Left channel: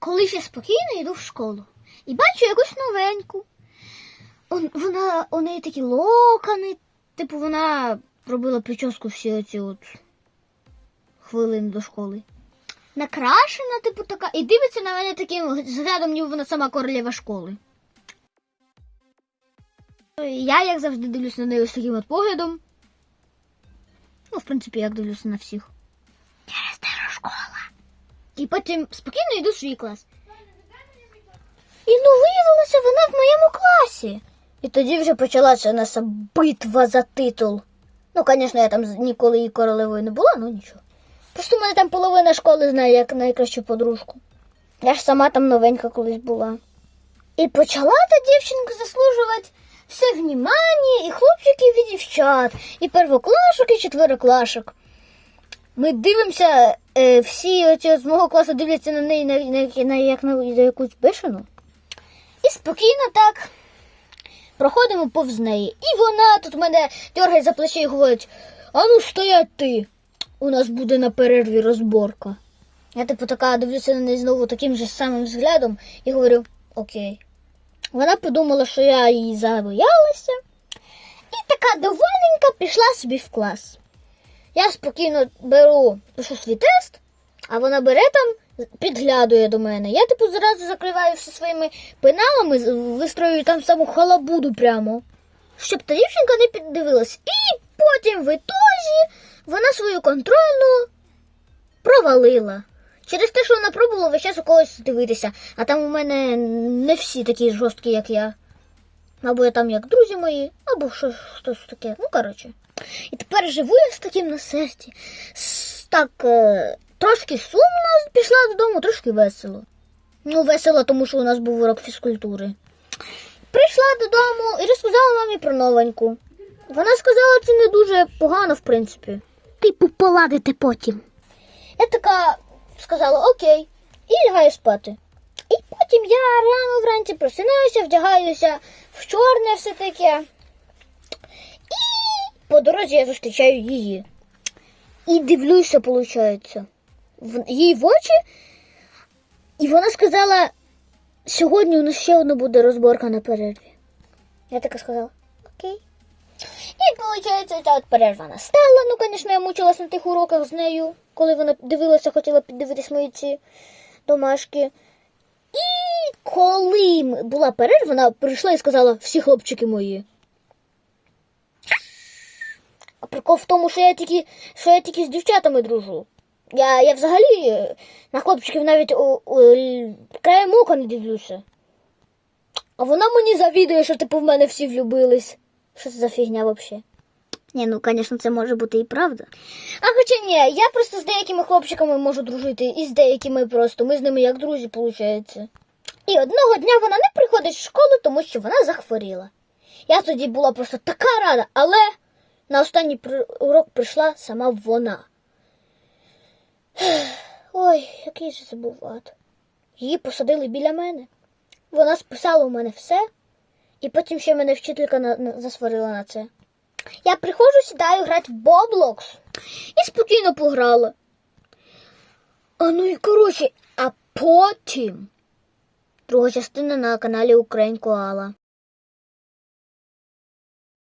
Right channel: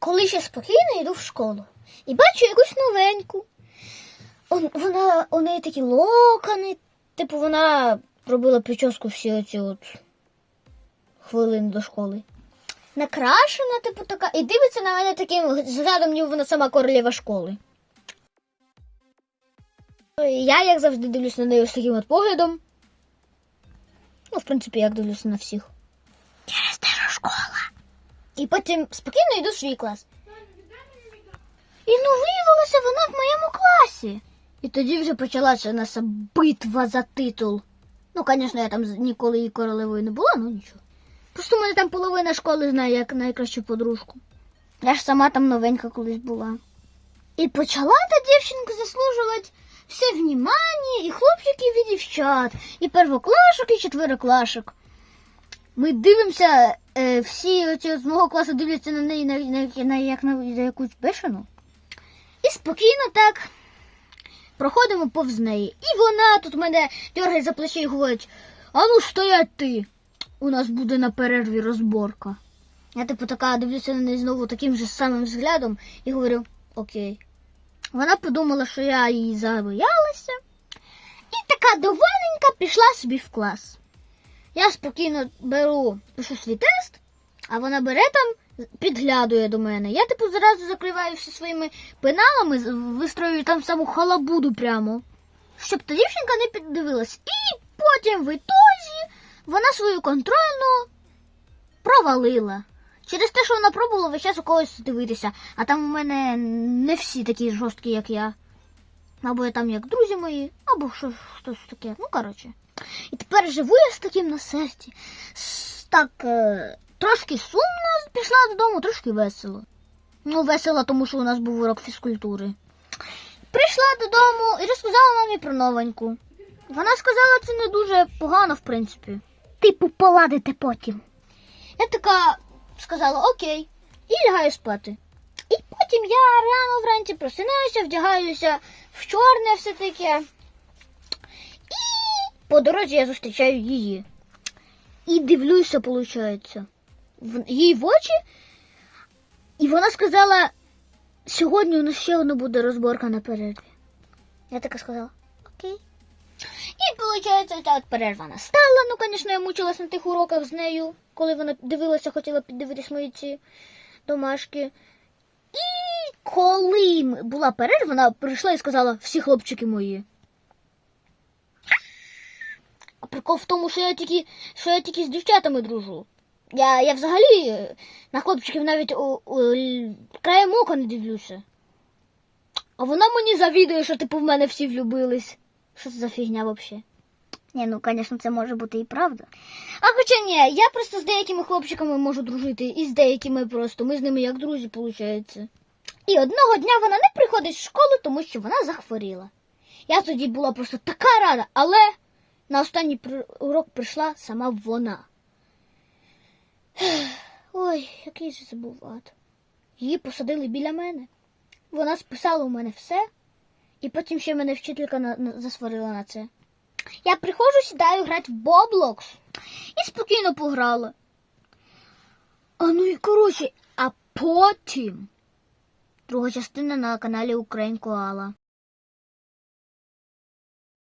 коли ще спокійно йду в школу і бачу якусь новеньку. Он- Вона, у неї такі локони, типу вона робила прическу всі оці от хвилини до школи. Накрашена, типу, така, і дивиться на мене таким зглядом, ніби вона сама королева школи. Я, як завжди, дивлюся на неї з таким от поглядом. Ну, в принципі, як дивлюся на всіх. Теж школа. І потім спокійно йду в свій клас. І ну виявилося вона в моєму класі. І тоді вже почалася наша битва за титул. Ну, звісно, я там ніколи і королевою не була, ну нічого. Просто мене там половина школи знає як найкращу подружку. Я ж сама там новенька колись була. І почала та дівчинка заслужувати все внимання, і хлопчиків, і дівчат, і первоклашок, і четвероклашок. Ми дивимося, е, всі оці з мого класу дивляться на неї на, на, на, як на, на якусь бешену. І спокійно так проходимо повз неї. І вона тут мене дергає за плече і говорить: а ну стоять ти! У нас буде на перерві розборка. Я типу така дивлюся на неї знову таким же самим взглядом і говорю: Окей. Вона подумала, що я її забоялася. І така довольненька пішла собі в клас. Я спокійно беру, пишу свій тест, а вона бере там, підглядує до мене. Я, типу, зразу закриваю все своїми пеналами, вистрою там саму халабуду прямо, щоб та дівчинка не піддивилась. І потім в ітозі вона свою контрольну провалила. Через те, що вона пробувала весь час у когось дивитися, а там у мене не всі такі жорсткі, як я. Або я там як друзі мої, або щось, щось таке. Ну, коротше. І тепер живу я з таким на серці. Так, е, трошки сумно пішла додому, трошки весело. Ну, весело, тому що у нас був урок фізкультури. Прийшла додому і розказала мамі про новеньку. Вона сказала, це не дуже погано, в принципі. Типу, поладити потім. Я така сказала окей, і лягаю спати. І потім я рано вранці просинаюся, вдягаюся в чорне все таке. По дорозі я зустрічаю її. І дивлюся, виходить, в її в очі. І вона сказала: сьогодні у нас ще одна буде розборка на перерві. Я така сказала, окей. І виходить, ця от перерва настала. Ну, звісно, я мучилась на тих уроках з нею, коли вона дивилася, хотіла піддивитись мої ці домашки. І коли була перерва, вона прийшла і сказала, всі хлопчики мої. Прикол в тому, що я тільки, що я тільки з дівчатами дружу. Я, я взагалі е, на хлопчиків навіть о, л- краєм ока не дивлюся. А вона мені завідує, що типу в мене всі влюбились. Що це за фігня взагалі? Ні, ну, звісно, це може бути і правда. А хоча ні, я просто з деякими хлопчиками можу дружити, і з деякими просто. Ми з ними як друзі, виходить. І одного дня вона не приходить в школу, тому що вона захворіла. Я тоді була просто така рада, але на останній урок прийшла сама вона. Ой, який же це був ад. Її посадили біля мене. Вона списала у мене все, і потім ще мене вчителька на, на- засварила на це. Я приходжу, сідаю грати в Боблокс і спокійно пограла. А ну і коротше, а потім друга частина на каналі Україн Коала.